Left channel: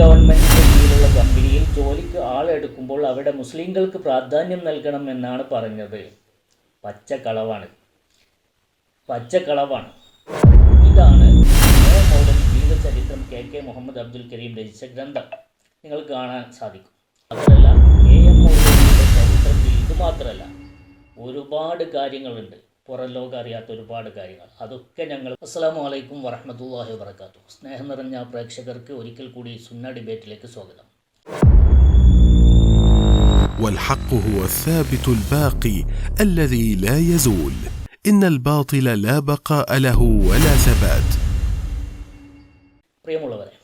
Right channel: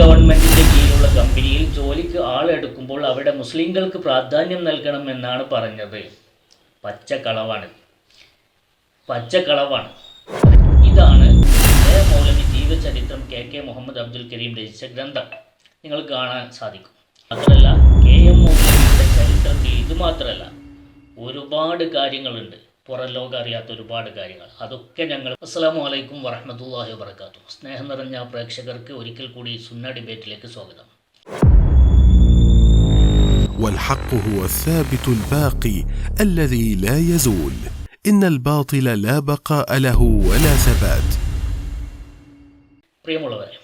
ഗവൺമെന്റിന്റെ കീഴിലുള്ള കമ്പനിയിൽ ജോലിക്ക് ആളെടുക്കുമ്പോൾ അവിടെ മുസ്ലിങ്ങൾക്ക് പ്രാധാന്യം നൽകണം എന്നാണ് പറഞ്ഞത്. പച്ചക്കളവാണ്. പച്ചക്കളവാണ്. ഇതാണ് മൗലവി ജീവചരിത്രം കെ കെ മുഹമ്മദ് അബ്ദുൽ കരീം രചിച്ച ഗ്രന്ഥം. നിങ്ങൾക്ക് കാണാൻ സാധിക്കും. മാത്രമല്ല കെ എം മൗലവിയുടെ ചരിത്രത്തിൽ ഇത് മാത്രമല്ല ഒരുപാട് കാര്യങ്ങളുണ്ട്. പുറം ലോകം അറിയാത്ത ഒരുപാട് കാര്യങ്ങൾ അതൊക്കെ ഞങ്ങൾ അസ്സലാമു അലൈക്കും വറഹ്മത്തുള്ളാഹി വബറകാതുഹു സ്നേഹം നിറഞ്ഞ പ്രേക്ഷകർക്ക് ഒരിക്കൽ കൂടി സുന്ന ഡിബേറ്റിലേക്ക് സ്വാഗതം والحق هو الثابت الباقي الذي لا يزول ان الباطل لا بقاء له ولا ثبات പ്രിയമുള്ളവരെ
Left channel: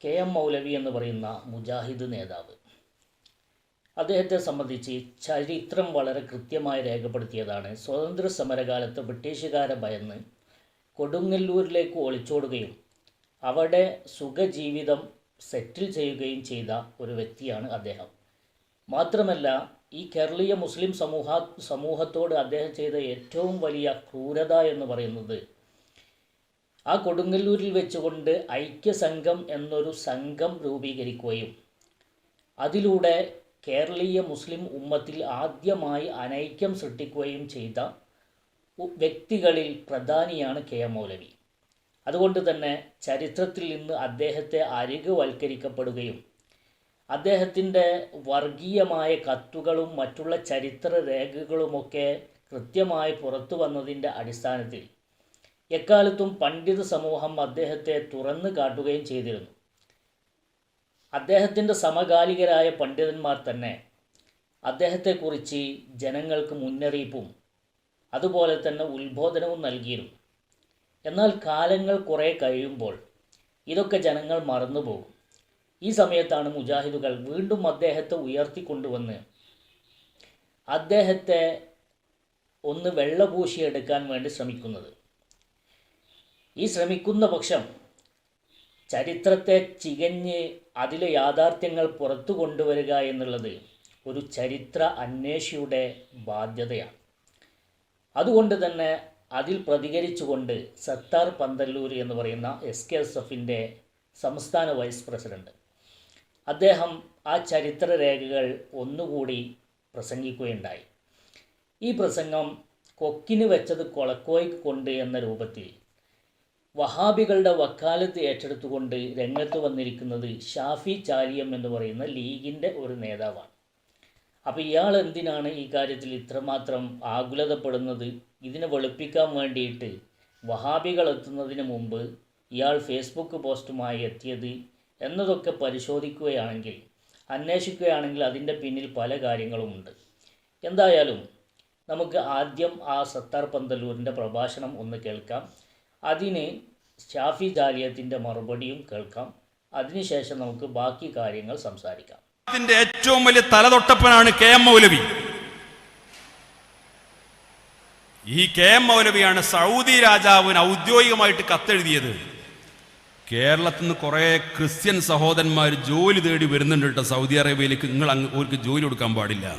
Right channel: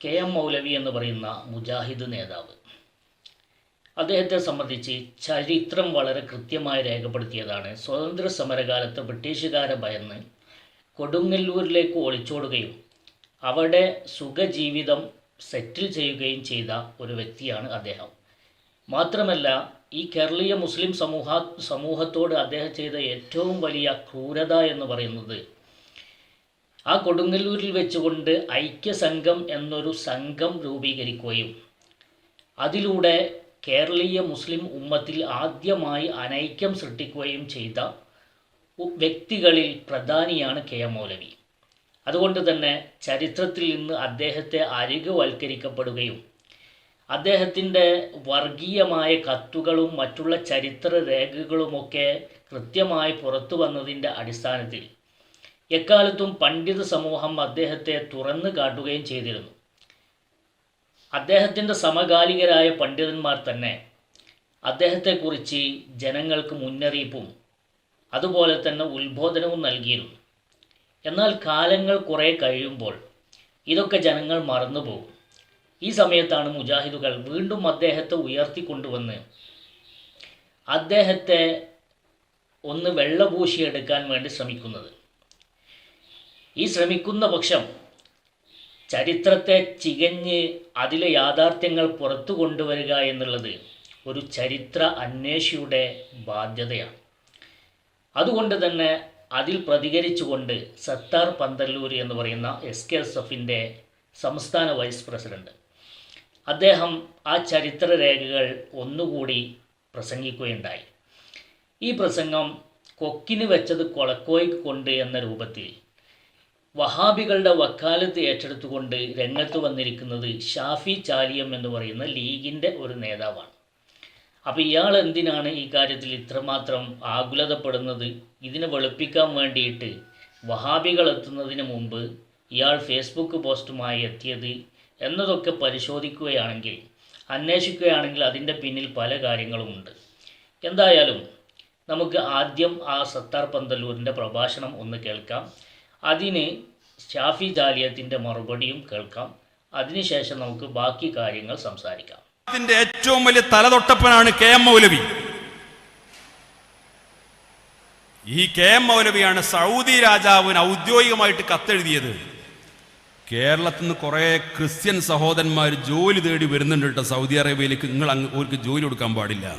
കെ എം മൗലവി എന്ന് പറയുന്ന മുജാഹിദ് നേതാവ് അദ്ദേഹത്തെ സംബന്ധിച്ച് ചരിത്രം വളരെ കൃത്യമായി രേഖപ്പെടുത്തിയതാണ്. സ്വാതന്ത്ര്യ സമരകാലത്ത് ബ്രിട്ടീഷുകാരെ ഭയന്ന് കൊടുങ്ങല്ലൂരിലേക്ക് ഒളിച്ചോടുകയും അവിടെ സുഖജീവിതം സെറ്റിൽ ചെയ്യുകയും ചെയ്ത ഒരു വ്യക്തിയാണ് അദ്ദേഹം. മാത്രമല്ല ഈ കേരളീയ മുസ്ലിം സമൂഹ സമൂഹത്തോട് അദ്ദേഹം ചെയ്ത ഏറ്റവും വലിയ ക്രൂരത എന്ന് പറയുന്നത് ആ കൊടുങ്ങല്ലൂരിൽ വെച്ചുകൊണ്ട് ഐക്യസംഘം എന്നൊരു സംഘം രൂപീകരിക്കുകയും അതിലൂടെ കേരളീയ മുസ്ലിം ഉമ്മത്തിൽ ആദ്യമായി അനൈക്യം സൃഷ്ടിക്കുകയും ചെയ്ത വ്യക്തികളിൽ പ്രധാനിയാണ് കെ എം മൗലവി. അതുകൊണ്ട് തന്നെ ചരിത്രത്തിൽ നിന്ന് അദ്ദേഹത്തെ അരികുവൽക്കരിക്കപ്പെടുകയും അദ്ദേഹത്തിന്റെ വർഗീയമായ കത്തുകളും മറ്റുള്ള ചരിത്ര രേഖകളുമൊക്കെ കൃത്യമായി പുറത്തു വന്നതിന്റെ അടിസ്ഥാനത്തിൽ എക്കാലത്തും പണ്ഡിത സമൂഹം അദ്ദേഹത്തെ തുറന്നു കാട്ടുകയും ചെയ്തിരുന്നു. അദ്ദേഹത്തിന്റെ സമകാലികരായ പണ്ഡിതന്മാർ തന്നെ അദ്ദേഹത്തെക്കുറിച്ച് ജനങ്ങൾക്ക് മുന്നറിയിപ്പും അതുപോലെ തന്നെ ഉത്ബോധനവും നൽകിയിരുന്നു. എന്നാൽ കാലങ്ങൾ കുറേ കഴിയുമ്പോൾ ഇതൊക്കെ ജനങ്ങൾ മറന്നുപോകും. ഈ സമയത്താണ് മുജാഹിദുകൾ വീണ്ടും അദ്ദേഹത്തെ ഉയർത്തിക്കൊണ്ടുവന്ന് അദ്ദേഹത്തെ ഒന്ന് വെള്ളപൂശിയെടുക്കാൻ വേണ്ടി ശ്രമിക്കുന്നത്. ഈ ശ്രമിക്കുന്ന പക്ഷം ചരിത്രത്തെ ചികഞ്ഞ് അതിലെ യാഥാർത്ഥ്യങ്ങൾ പുറത്തു കൊണ്ടുവരിക എന്നുള്ളത് ഒരു ചരിത്ര അന്വേഷിയുടെ ബാധ്യതയാണ്. അതുകൊണ്ട് തന്നെ അതിൽ പ്രതികരിച്ചുകൊണ്ട് സത്താർ പന്തല്ലൂർ എന്ന് പറയുന്ന എസ് കെ എസ് എഫിന്റെ സംസ്ഥാന വൈസ് പ്രസിഡന്റ് അദ്ദേഹം ആ ചരിത്ര രേഖകൾ ഒന്നുകൂടി പ്രസംഗിക്കുകയുണ്ടായി. ഈ പ്രസംഗം കൊക്കിന് വെച്ചത് കൊളക്കോയ്ക്ക് കൊണ്ട് എന്ന രൂപത്തിൽ വഹാബികളുടെ വക്കാലത്ത് ഏറ്റെടുത്തുകൊണ്ട് രംഗത്ത് വന്നിരിക്കുന്നത് ഷാഫി ചാലിയം എന്ന് പറയുന്ന ലീഗിന്റെ ഒരു നേതാവാണ്. അപ്പോൾ ഇയാൾ എന്തിനാണ് ഈ കാര്യത്തിൽ ഇത്രമാത്രം ആകുലതപ്പെടുന്നത്? ഇതിനെ വെളുപ്പിക്കാൻ വേണ്ടിയിട്ട് വഹാബികൾ എത്തുന്നതിന് മുമ്പ് ഇയാൾ ഫേസ്ബുക്ക് പോസ്റ്റുമായി എത്തിയത് എന്നതൊക്കെ പരിശോധിക്കുകയാണെങ്കിൽ അന്വേഷിക്കുകയാണെങ്കിൽ അതിന്റെ പിന്നിൽ പല കാര്യങ്ങളുമുണ്ട്. എന്തായാലും നമുക്ക് ആദ്യം ആ സത്താർ പന്തല്ലൂരിന്റെ പ്രഭാഷണം ഒന്ന് കേൾക്കാം. അതിന് ഷാഫി ജാലിയത്തിന്റെ മറുപടിയും കേൾക്കാം. അതിനുശേഷം നമുക്ക് ബാക്കി കാര്യങ്ങൾ സംസാരിക്കാം. അതിന്റെ ഏറ്റവും വലിയ തലതൊട്ടപ്പനാണ് കെ എം മൗലവി. ഈ കെ എം മൗലവിയാണ് സൗദി രാജാവിന് ഔദ്യോഗികമായിട്ട് കത്തെഴുതിയത്. കേരളത്തിൽ നിന്ന് കുറേ ക്രിസ്ത്യൻ സഹോദരന്മാർ ജോലി തേടി വരുന്നുണ്ട് കേട്ടോ സൗദി അറേബ്യയിലേക്ക്. നിങ്ങൾ അങ്ങ് അവർക്ക് ജോലി കൊടുക്കാൻ പാടില്ല.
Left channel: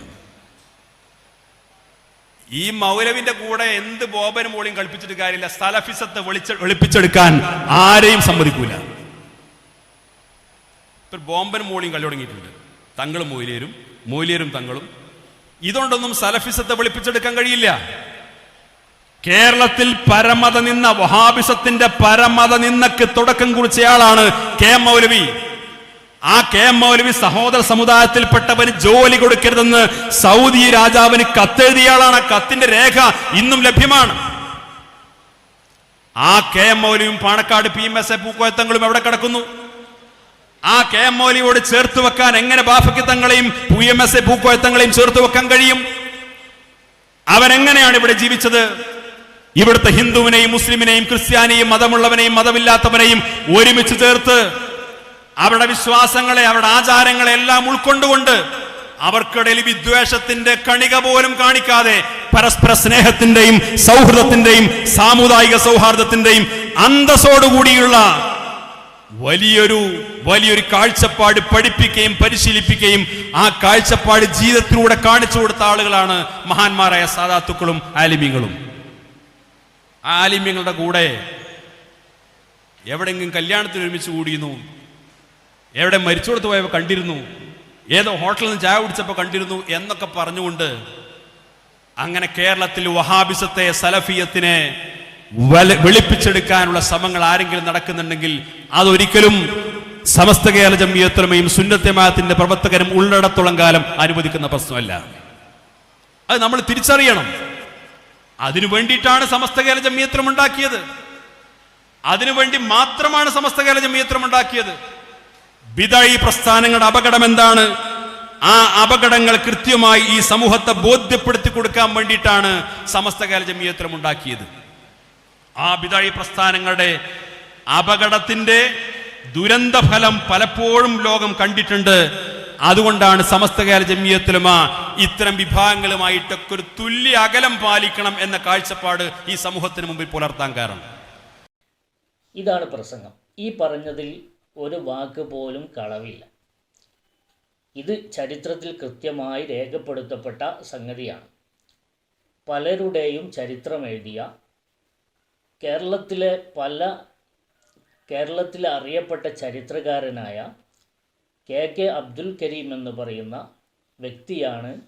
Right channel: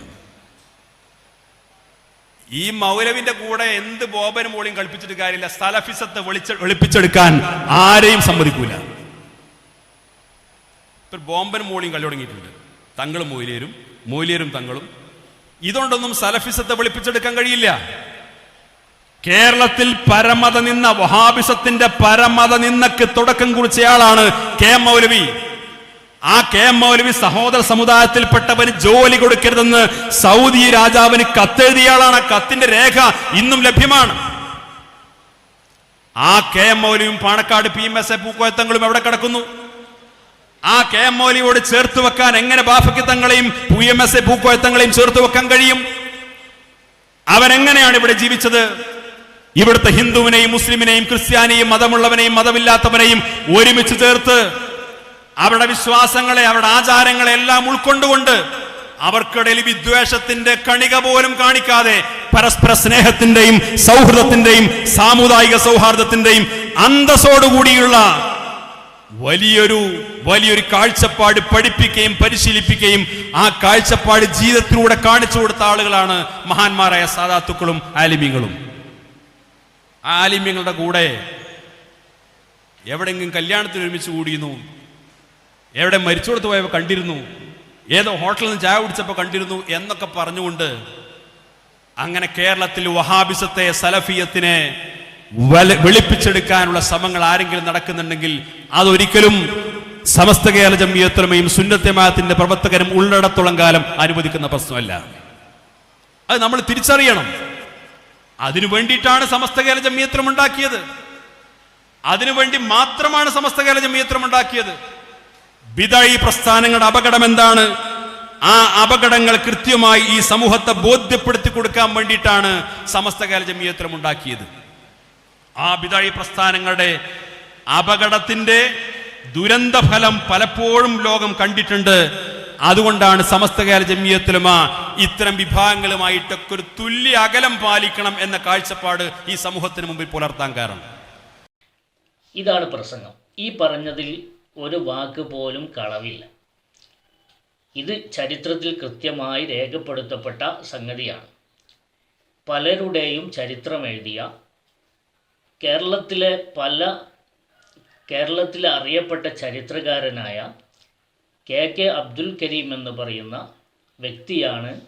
ഈ മൗലവിന്റെ കൂടെ എന്ത് ബോബനും മോളിയും കളിപ്പിച്ചിട്ട് കാര്യമില്ല. സ്ഥലഫിസത്തെ വെളിച്ച വെളുപ്പിച്ചെടുക്കാൻ ആരെയും സമ്മതിക്കൂല. ഇപ്പൊ ബോംബനും മോളിയും കളി തുടങ്ങിയിട്ടുണ്ട്. തങ്ങളും മൊയിലേരും മൊയിലേരും തങ്ങളും. ഇതുകൊണ്ടൊന്നും സലഫിസത്തെ വെളുപ്പിച്ചെടുക്കാൻ കഴിയില്ല. കേരളത്തിൽ പരമത നിന്ന വഹാബിസത്തിന്റെ പരമത നിന്നക്ക് തുടക്കം കുറിച്ചയാളാണ് കെ മൗലവി. ആ കെ എം മൗലവി സഹോദര സമുദായത്തിൽപ്പെട്ടവന് ജോലി കൊടുക്കരുതെന്ന് സൗദി രാജാവിന് കത്തെഴുതിയാളാണ് കത്തിന്റെ രേഖ ഇന്നും ലഭ്യമാണ്. ആ K M മൗലവിയും Panakkad P M S A പൂക്കോയത്തങ്ങളും എവിടെ കിടക്കുന്നു? ആ കെ എം മൗലിയോട് ചേർത്ത് വെക്കാൻ എങ്ങനെ ബാഫക്കിത്തങ്ങളെയും പി എം എസ് എ പൂക്കോയത്തങ്ങളെയും ചേർത്ത് വെക്കാൻ കഴിയും? അവരെങ്ങനെയാണ് ഇവിടെ ജീവിച്ചത്? ഇവിടുത്തെ ഹിന്ദുവിനെയും മുസ്ലിമിനെയും ക്രിസ്ത്യാനിയും മതമുള്ളവനെയും മതമില്ലാത്തവനെയും ഒരുമിച്ച് ചേർത്ത് അവരുടെ വിശ്വാസങ്ങളെ അവരുടെ ആചാരങ്ങളെ എല്ലാം ഉൾക്കൊണ്ടുകൊണ്ട് അവർക്കിടയിൽ വിദ്വേഷത്തിന്റെ കണിക പോലും കാണിക്കാതെ പരസ്പര സ്നേഹത്തിന്റെയും സൗഹൃദത്തിന്റെയും സാമുദായിക സൗഹാർദ്ദത്തിന്റെയും അന്തസ്സോടുകൂടിയുള്ള വലിയൊരു വലിയൊരു കാഴ്ചപ്പാട് പഠിപ്പിക്കുകയും പരിശീലിപ്പിക്കുകയും ആ കാഴ്ചപ്പാട് ജീവിതത്തിലൂടെ കാണിച്ചു കൊടുത്ത ആളുകളാണ് മഹാന്മാരായ സാധാത്തുക്കളും ആലിമ്യങ്ങളും ആ ആലിമ്യങ്ങളുടെ കൂടെ എവിടെങ്കിലും കല്യാണത്തിന് ഒരുമിച്ച് കൂടിയിരുന്നു. എവിടെ മരിച്ചോടത്ത് പോയപ്പോൾ കണ്ടിരുന്നു? ഏതോ ഹോട്ടലിൽ നിന്ന് ചായ കുടിച്ചപ്പോൾ കണ്ടിരുന്നു എന്നൊക്കെ പറഞ്ഞുകൊണ്ട് അങ്ങനെ കേരളത്തിൽ വഹാബിസത്തെ സലഫിയത്തിനെ വെളിപ്പിച്ചെടുക്കാനുള്ള ശ്രമങ്ങൾ ആരെങ്കിലും നടക്കുന്നുണ്ടെങ്കിൽ അതൊരിക്കലും സമസ്ത കേരള ജമ്മിയത്രമയും സുന്നത്യമാത്തിന്റെ പ്രവർത്തകരും ഉള്ളിടത്തോളം കാലം അനുവദിക്കുന്ന പ്രശ്നമല്ല. അത് നമ്മൾ തിരിച്ചറിയണം. അതിനു വേണ്ടിയിട്ടാണ് സമസ്ത കേരള ജമ്മിയത്രം ഉണ്ടാക്കിയത്. അതിനുവേണ്ടി മാത്രമാണ് സമസ്ത കേരള ജമ്മിയത്രം ഉണ്ടാക്കിയത്. ബിദായി പ്രസ്ഥാനങ്ങളുടെ അപകടം എന്താണ്? ആ അപകടങ്ങൾ കൃത്യമായി ഈ സമൂഹത്തെ ബോധ്യപ്പെടുത്തി കൊടുക്കാൻ വേണ്ടിയിട്ടാണ് സമസ്ത കേരള ജമിയത്രം ഉണ്ടാക്കിയത്. ആ ബിദായി പ്രസ്ഥാനങ്ങളുടെ അപകടത്തിന്റെ ദുരന്ത ഫലം പലപ്പോഴും ലോകം കണ്ടിട്ടുണ്ട്. അതുകൊണ്ടാണ് സമസ്ത കേരള ആ ഇത്തരം വിഭാഗങ്ങളുമായിട്ടൊക്കെ ഒരു തുല്യ അകലം പാലിക്കണം എന്ന കാഴ്ചപ്പാട് ഈ സമൂഹത്തിന് മുമ്പിൽ പുലർത്താൻ കാരണം. ഇതാണ് പ്രസംഗം. ഈ പറഞ്ഞതിൽ ഒരു വാക്ക് പോലും കളവില്ല. ഇത് ചരിത്രത്തിൽ കൃത്യമായി രേഖപ്പെടുത്തപ്പെട്ട സംഗതിയാണ്. പലരുടെയും ചരിത്രം എഴുതിയ കേരളത്തിലെ പല കേരളത്തിലെ അറിയപ്പെട്ട ചരിത്രകാരനായ കെ കെ അബ്ദുൽ കരീം എന്ന് പറയുന്ന വ്യക്തിയാണ്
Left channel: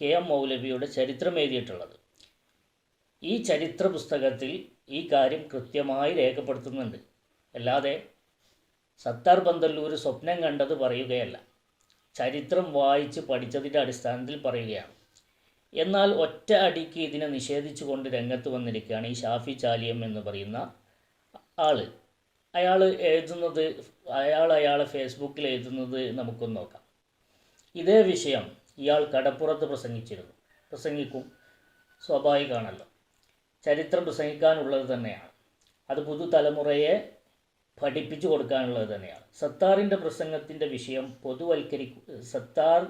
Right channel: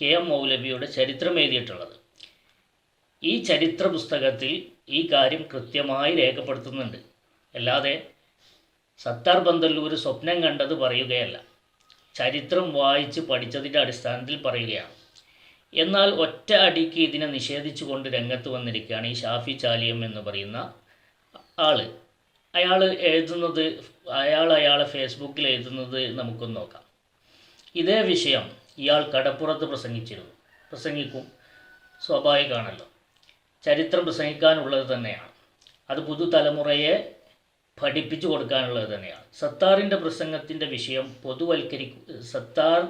കെ എം മൗലവിയുടെ ചരിത്രം എഴുതിയിട്ടുള്ളത് ഈ ചരിത്ര പുസ്തകത്തിൽ ഈ കാര്യം കൃത്യമായി രേഖപ്പെടുത്തുന്നുണ്ട്. അല്ലാതെ സത്താർ പന്തല്ലൂർ സ്വപ്നം കണ്ടത് പറയുകയല്ല. ചരിത്രം വായിച്ച് പഠിച്ചതിന്റെ അടിസ്ഥാനത്തിൽ പറയുകയാണ്. എന്നാൽ ഒറ്റ അടിക്ക് ഇതിനെ നിഷേധിച്ചുകൊണ്ട് രംഗത്ത് വന്നിരിക്കുകയാണ് ഈ ഷാഫി ചാലിയം എന്ന് പറയുന്ന ആൾ. അയാൾ എഴുതുന്നത് അയാൾ അയാളെ ഫേസ്ബുക്കിൽ എഴുതുന്നത് നമുക്കൊന്ന് നോക്കാം. ഇതേ വിഷയം ഇയാൾ കടപ്പുറത്ത് പ്രസംഗിച്ചിരുന്നു. പ്രസംഗിക്കും സ്വാഭാവികമാണല്ലോ ചരിത്രം പ്രസംഗിക്കാനുള്ളത് തന്നെയാണ്. അത് പുതുതലമുറയെ പഠിപ്പിച്ചു കൊടുക്കാനുള്ളത് തന്നെയാണ്. സത്താറിന്റെ പ്രസംഗത്തിന്റെ വിഷയം പൊതുവൽക്കരിക്കു സത്താർ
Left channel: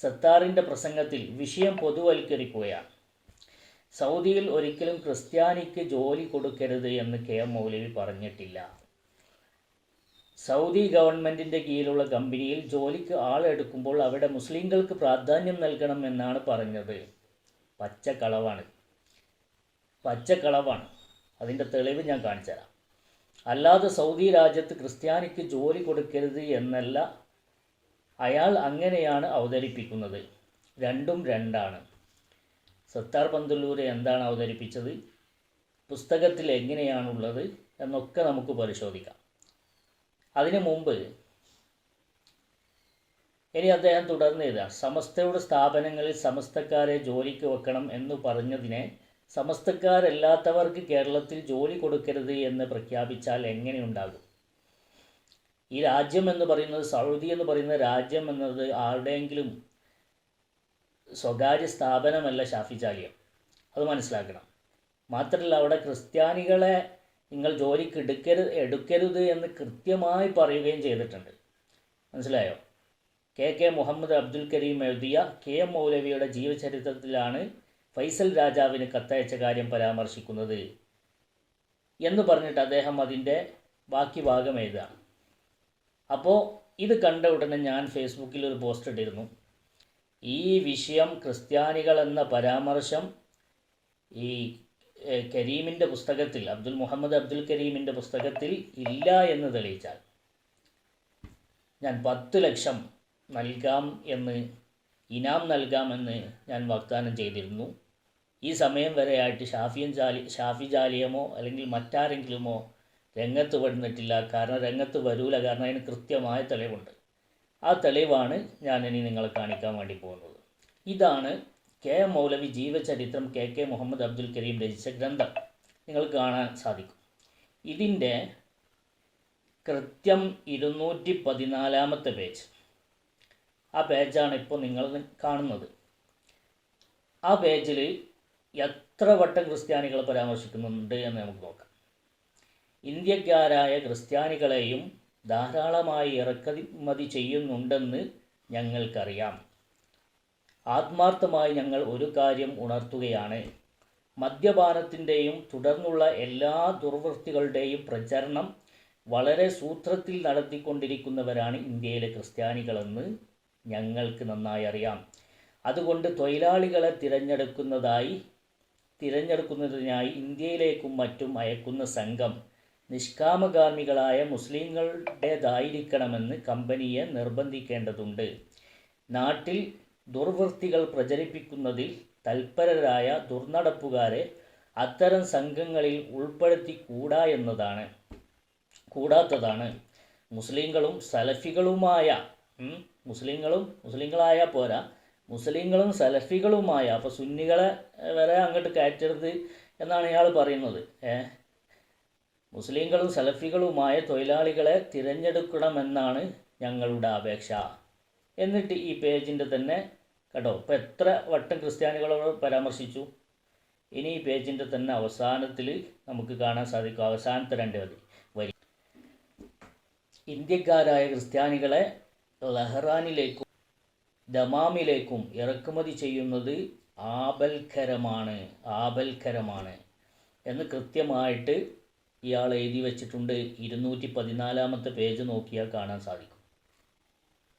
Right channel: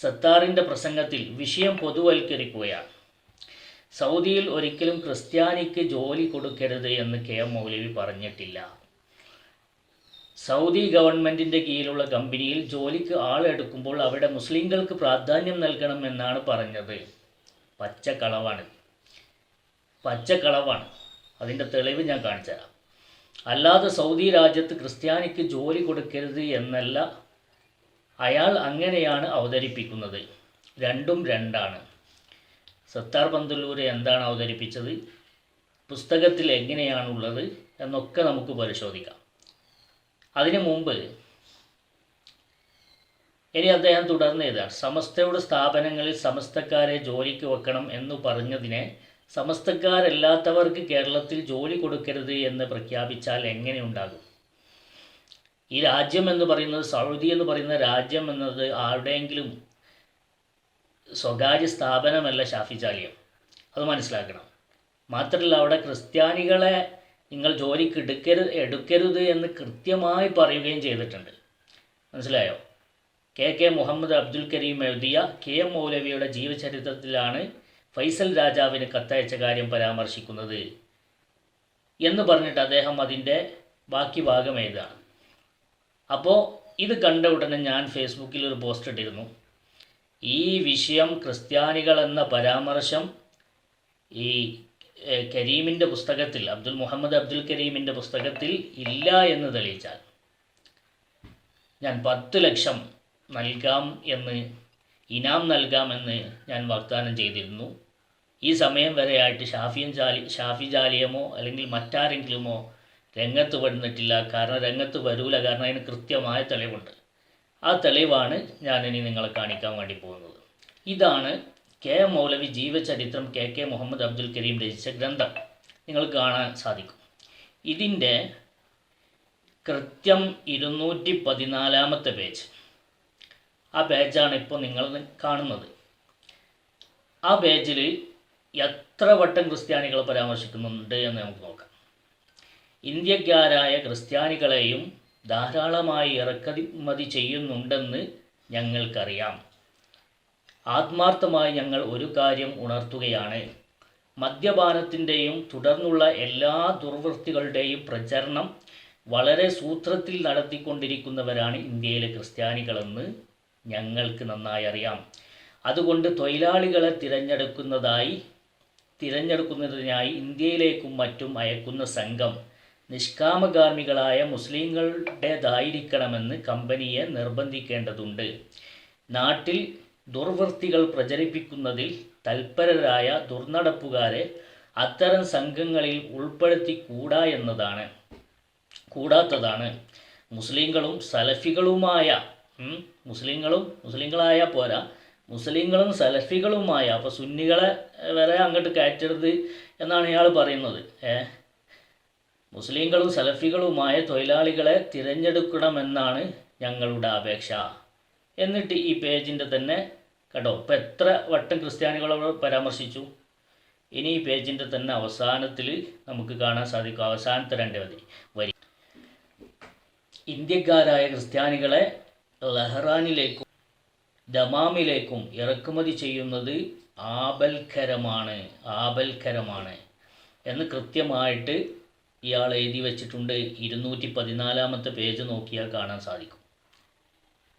സത്താറിന്റെ പ്രസംഗത്തിൽ വിഷയം പൊതുവൽക്കരിക്കുകയാണ്. സൗദിയിൽ ഒരിക്കലും ക്രിസ്ത്യാനിക്ക് ജോലി കൊടുക്കരുത് എന്ന് കെ എം മൗലവി പറഞ്ഞിട്ടില്ല. സൗദി ഗവൺമെന്റിന്റെ കീഴിലുള്ള കമ്പനിയിൽ ജോലിക്ക് ആളെടുക്കുമ്പോൾ അവിടെ മുസ്ലിങ്ങൾക്ക് പ്രാധാന്യം നൽകണം എന്നാണ് പറഞ്ഞത്. പച്ചക്കളവാണ്. പച്ചക്കളവാണ്. അതിന്റെ തെളിവ് ഞാൻ കാണിച്ചു തരാം. അല്ലാതെ സൗദി രാജ്യത്ത് ക്രിസ്ത്യാനിക്ക് ജോലി കൊടുക്കരുത് എന്നല്ല അയാൾ അങ്ങനെയാണ് അവതരിപ്പിക്കുന്നത്. രണ്ടും രണ്ടാണ്. സത്താർ പന്തല്ലൂർ എന്താണ് അവതരിപ്പിച്ചത്? പുസ്തകത്തിൽ എങ്ങനെയാണുള്ളത് എന്നൊക്കെ നമുക്ക് പരിശോധിക്കാം. അതിനു മുമ്പ് ഇനി അദ്ദേഹം തുടർന്ന് എഴുതാം. സമസ്തയുടെ സ്ഥാപനങ്ങളിൽ സമസ്തക്കാരെ ജോലിക്ക് വെക്കണം എന്ന് പറഞ്ഞതിനെ സമസ്തക്കാരല്ലാത്തവർക്ക് കേരളത്തിൽ ജോലി കൊടുക്കരുത് എന്ന് പ്രഖ്യാപിച്ചാൽ എങ്ങനെയുണ്ടാകും ഈ രാജ്യം എന്ന് പറയുന്നത് സൗദി എന്ന് പറയുന്ന രാജ്യം എന്നത് ആരുടെയെങ്കിലും സ്വകാര്യ സ്ഥാപനമല്ല ഷാഫിചാലിയം അത് മനസ്സിലാക്കണം. മാത്രമല്ല അവിടെ ക്രിസ്ത്യാനികളെ നിങ്ങൾ ജോലിക്ക് എടുക്കരുത് എടുക്കരുത് എന്ന് കൃത്യമായി പറയുകയും ചെയ്തിട്ടുണ്ട്. മനസ്സിലായോ? കെ കെ മുഹമ്മദ് അബ്ദുൽ കരീം എഴുതിയ കെ എം മൗലവിയുടെ ജീവചരിത്രത്തിലാണ് ഫൈസൽ രാജാവിന് കത്തയച്ച കാര്യം പരാമർശിക്കുന്നത് എന്ന് പറഞ്ഞിട്ട് അദ്ദേഹം അതിന്റെ ബാക്കി ഭാഗം എഴുതുകയാണ്. അപ്പോൾ ഇത് കണ്ട ഉടനെ ഞാൻ ഫേസ്ബുക്കിൽ ഒരു പോസ്റ്റ് ഇട്ടിരുന്നു. ഈ വിഷയം ക്രിസ്ത്യാനികൾ എന്ന പരാമർശം ഈ കരീമിന്റെ പുസ്തകത്തിൽ അബ്ദുൽ മുഹമ്മദ് അബ്ദുൽ കരീമിന്റെ പുസ്തകത്തിൽ ഇല്ല എന്ന് തെളിയിച്ചാൽ ഞാൻ പത്ത് ലക്ഷം നൽകാം എന്ന് ഇനാം നൽകാമെന്ന് ഞാൻ വാഗ്ദാനം ചെയ്തിരുന്നു. ഈ സമയം വരെയായിട്ട് ഷാഫിയൻ ജാലി ഷാഫി ജാലിയമോ അല്ലെങ്കിൽ മറ്റാരെങ്കിലുമോ രംഗത്ത് വന്നിട്ടില്ല. കാരണം രംഗത്ത് വരൂല. കാരണം അതിന് കൃത്യമായ തെളിവുണ്ട്. ആ തെളിവാണ് ഞാൻ ഇനി നിങ്ങളെ കാണിക്കാൻ വേണ്ടി പോകുന്നത്. ഇതാണ് കെ എം മൗലവി ജീവചരിത്രം കെ കെ മുഹമ്മദ് അബ്ദുൽ കരീം രചിച്ച ഗ്രന്ഥം. നിങ്ങൾക്ക് കാണാൻ സാധിക്കും. ഇതിന്റെ കൃത്യം ഇരുന്നൂറ്റി പതിനാലാമത്തെ പേജ്. ആ പേജാണ് ഇപ്പോൾ നിങ്ങൾ കാണുന്നത്. ആ പേജിൽ എത്ര വട്ടം ക്രിസ്ത്യാനികളെ പരാമർശിക്കുന്നുണ്ട് എന്ന് നമുക്ക് നോക്കാം. ഇന്ത്യക്കാരായ ക്രിസ്ത്യാനികളെയും ധാരാളമായി ഇറക്കുമതി ചെയ്യുന്നുണ്ടെന്ന് ഞങ്ങൾക്കറിയാം. ആത്മാർത്ഥമായി ഞങ്ങൾ ഒരു കാര്യം ഉണർത്തുകയാണ്. മദ്യപാനത്തിന്റെയും തുടർന്നുള്ള എല്ലാ ദുർവൃത്തികളുടെയും പ്രചരണം വളരെ സൂത്രത്തിൽ നടത്തിക്കൊണ്ടിരിക്കുന്നവരാണ് ഇന്ത്യയിലെ ക്രിസ്ത്യാനികളെന്ന് ഞങ്ങൾക്ക് നന്നായി അറിയാം. അതുകൊണ്ട് തൊഴിലാളികളെ തിരഞ്ഞെടുക്കുന്നതായി തിരഞ്ഞെടുക്കുന്നതിനായി ഇന്ത്യയിലേക്കും മറ്റും അയക്കുന്ന സംഘം നിഷ്കാമഗാമികളായ മുസ്ലിങ്ങളുടേതായിരിക്കണമെന്ന് കമ്പനിയെ നിർബന്ധിക്കേണ്ടതുണ്ട്. നാട്ടിൽ ദുർവൃത്തികൾ പ്രചരിപ്പിക്കുന്നതിൽ തൽപരരായ ദുർനടപ്പുകാരെ അത്തരം സംഘങ്ങളിൽ ഉൾപ്പെടുത്തിക്കൂടാ എന്നതാണ്. കൂടാത്തതാണ്. മുസ്ലിങ്ങളും സലഫികളുമായ മുസ്ലിങ്ങളും മുസ്ലിങ്ങളായ പോരാ മുസ്ലിങ്ങളും സലഫികളുമായ. അപ്പോൾ സുന്നികളെ വരെ അങ്ങോട്ട് കയറ്റരുത് എന്നാണ് ഇയാൾ പറയുന്നത്. ഏ? മുസ്ലിങ്ങളും സലഫികളുമായ തൊഴിലാളികളെ തിരഞ്ഞെടുക്കണമെന്നാണ് ഞങ്ങളുടെ അപേക്ഷ. എന്നിട്ട് ഈ പേജിന്റെ തന്നെ കേട്ടോ ഇപ്പം എത്ര വട്ടം ക്രിസ്ത്യാനികളോട് പരാമർശിച്ചു? ഇനി ഈ പേജിന്റെ തന്നെ അവസാനത്തിൽ നമുക്ക് കാണാൻ സാധിക്കും. അവസാനത്തെ രണ്ട് മതി വരി. ഇന്ത്യക്കാരായ ക്രിസ്ത്യാനികളെ ലഹ്റാനിലേക്കും ദമാമിലേക്കും ഇറക്കുമതി ചെയ്യുന്നത് ആപൽക്കരമാണ് ആപൽക്കരമാണ് എന്ന് കൃത്യമായിട്ട് ഇയാൾ എഴുതി വെച്ചിട്ടുണ്ട്. ഇരുന്നൂറ്റി പതിനാലാമത്തെ പേജ് നോക്കിയാൽ കാണാൻ സാധിക്കും.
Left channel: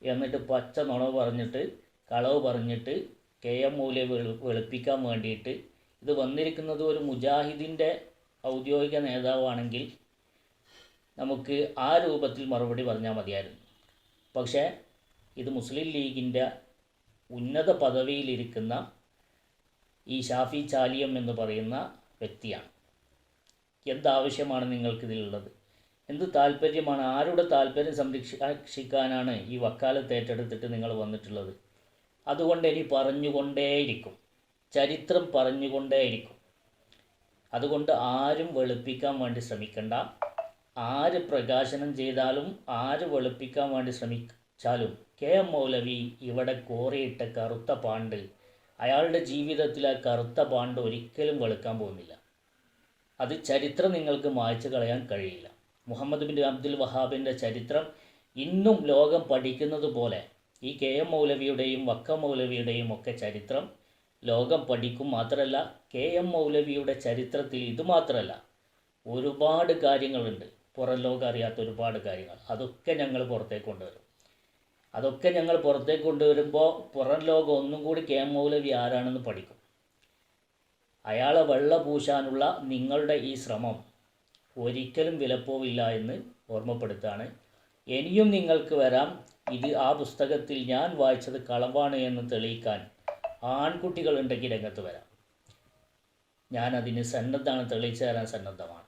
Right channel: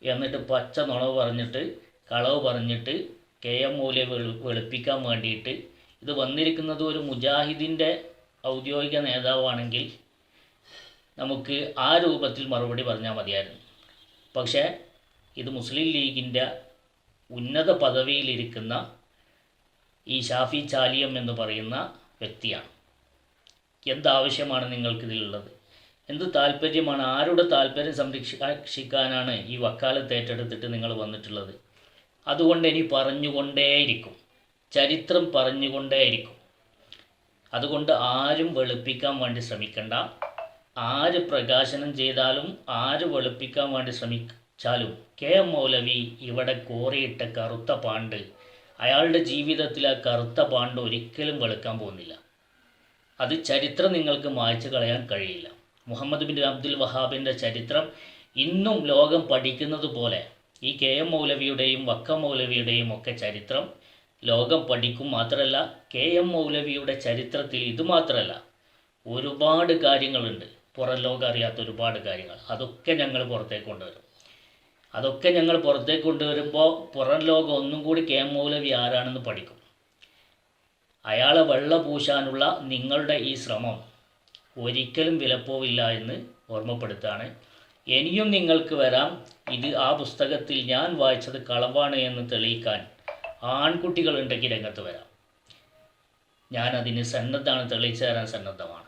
എന്നിട്ട് പച്ച നുണവ് പറഞ്ഞിട്ട് കളവ് പറഞ്ഞിട്ട് കെ എം മൂല്യ വെളു വെളുപ്പിക്കാൻ വേണ്ടിയിട്ട്. ഇത് വന്നിരിക്കുന്നത് ഒരു മുജാഹിദിന്റെ ഔദ്യോഗിക നേതാവാണെങ്കിൽ നമുക്ക് ആ രൂപത്തിൽ മറുപടി പറഞ്ഞാൽ മതിയായിരുന്നു. പക്ഷേ ഇത് മുസ്ലിം ലീഗിന്റെ ഉന്നത പദവിയിലിരിക്കുന്ന ഈ ഷാഫി ചാലിയം എന്ന് പറയുന്ന വ്യക്തിയാണ്. എന്താവശ്യമാണ് നിങ്ങൾക്കിതിലുള്ളത്? എന്ത് താല്പര്യമാണ് ആരുടെ താല്പര്യം സംരക്ഷിക്കാനാണ് ഈ വക്കാലത്ത് ഏറ്റെടുത്തിട്ട് നിങ്ങൾ വന്നിട്ടുള്ളത്? അതുകൊണ്ട് ഇനി പറഞ്ഞുകൊണ്ടേയിരിക്കും. ചരിത്രം പറഞ്ഞുകൊണ്ടേയിരിക്കും. അതുകൊണ്ട് ആരും വെളുപ്പിക്കാൻ വേണ്ടി ശ്രമിക്കണ്ട. ആര് പ്രകാശനം ചെയ്താലും ആര് വെളുപ്പിക്കാൻ വേണ്ടി ശ്രമിച്ചാലും കെ. എം. മൗലവി ഇവിടെ കോറിയിട്ട കറുത്ത പാണ്ട്. അയാളുടെ ജീവിതത്തിൽ ആ കറുത്ത പാണ്ട് ഒരിക്കലും വെളുക്കാൻ പോകുന്നില്ല. അത് ചരിത്രം നിങ്ങൾക്ക് മായ്ച്ചു കളയാൻ കഴിയില്ല. മുഹമ്മദ് ബിൻ അബ്ദുൽ വഹാബിന്റെ ചരിത്രം ഇന്നും ലോകം പഠിക്കുന്നത് പോലെ ഈ കെ. എം. മൗലവിയുടെയും വക്ക മൗലവിയുടെയും ഒക്കെ ചരിത്രം ലോകം പഠിക്കും മാത്രമല്ല കെ. എം. മൗലവിയുടെ ചരിത്രത്തിൽ ഇത് മാത്രമല്ല ഒരുപാട് കാര്യങ്ങളുണ്ട്. പുറം ലോകം അറിയാത്ത ഒരുപാട് കാര്യങ്ങൾ. അതൊക്കെ ഞങ്ങൾ പുറത്തേക്ക് കൊണ്ടുവരും. അതൊക്കെ ഞങ്ങൾ പുറത്തേക്ക് കൊണ്ടുവരുമ്പോൾ പുറം ലോകം ഒന്നും കൂടി കെ മൗലവി ആരാണെന്ന് പഠിക്കും. അയാളെ വെള്ള പൂശാനുള്ള നിങ്ങളുടെ ഈ ശ്രമം ഒരിക്കലും വിലപ്പോവില്ല എന്ന് ഓർമ്മപ്പെടുത്താണ്. ഇനിയും നിങ്ങൾക്ക് വരാം. ഇത് ആ പുസ്തകത്തിൽ ഞാൻ വായിച്ചത് കളവാണ് എന്ന് തെളിയിക്കാൻ ആൺകുട്ടികളുണ്ടെങ്കിൽ രംഗത്ത് വരാം. ഞാൻ അതിന് സന്നദ്ധമാണ് തെളിയിച്ചു തരാൻ സന്നദ്ധമാണ്.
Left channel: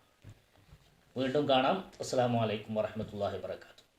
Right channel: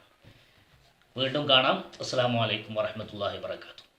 വീണ്ടും കാണാം. അസ്സാം വലൈക്കും വാഹമത്തല്ലാഹി വാത്തു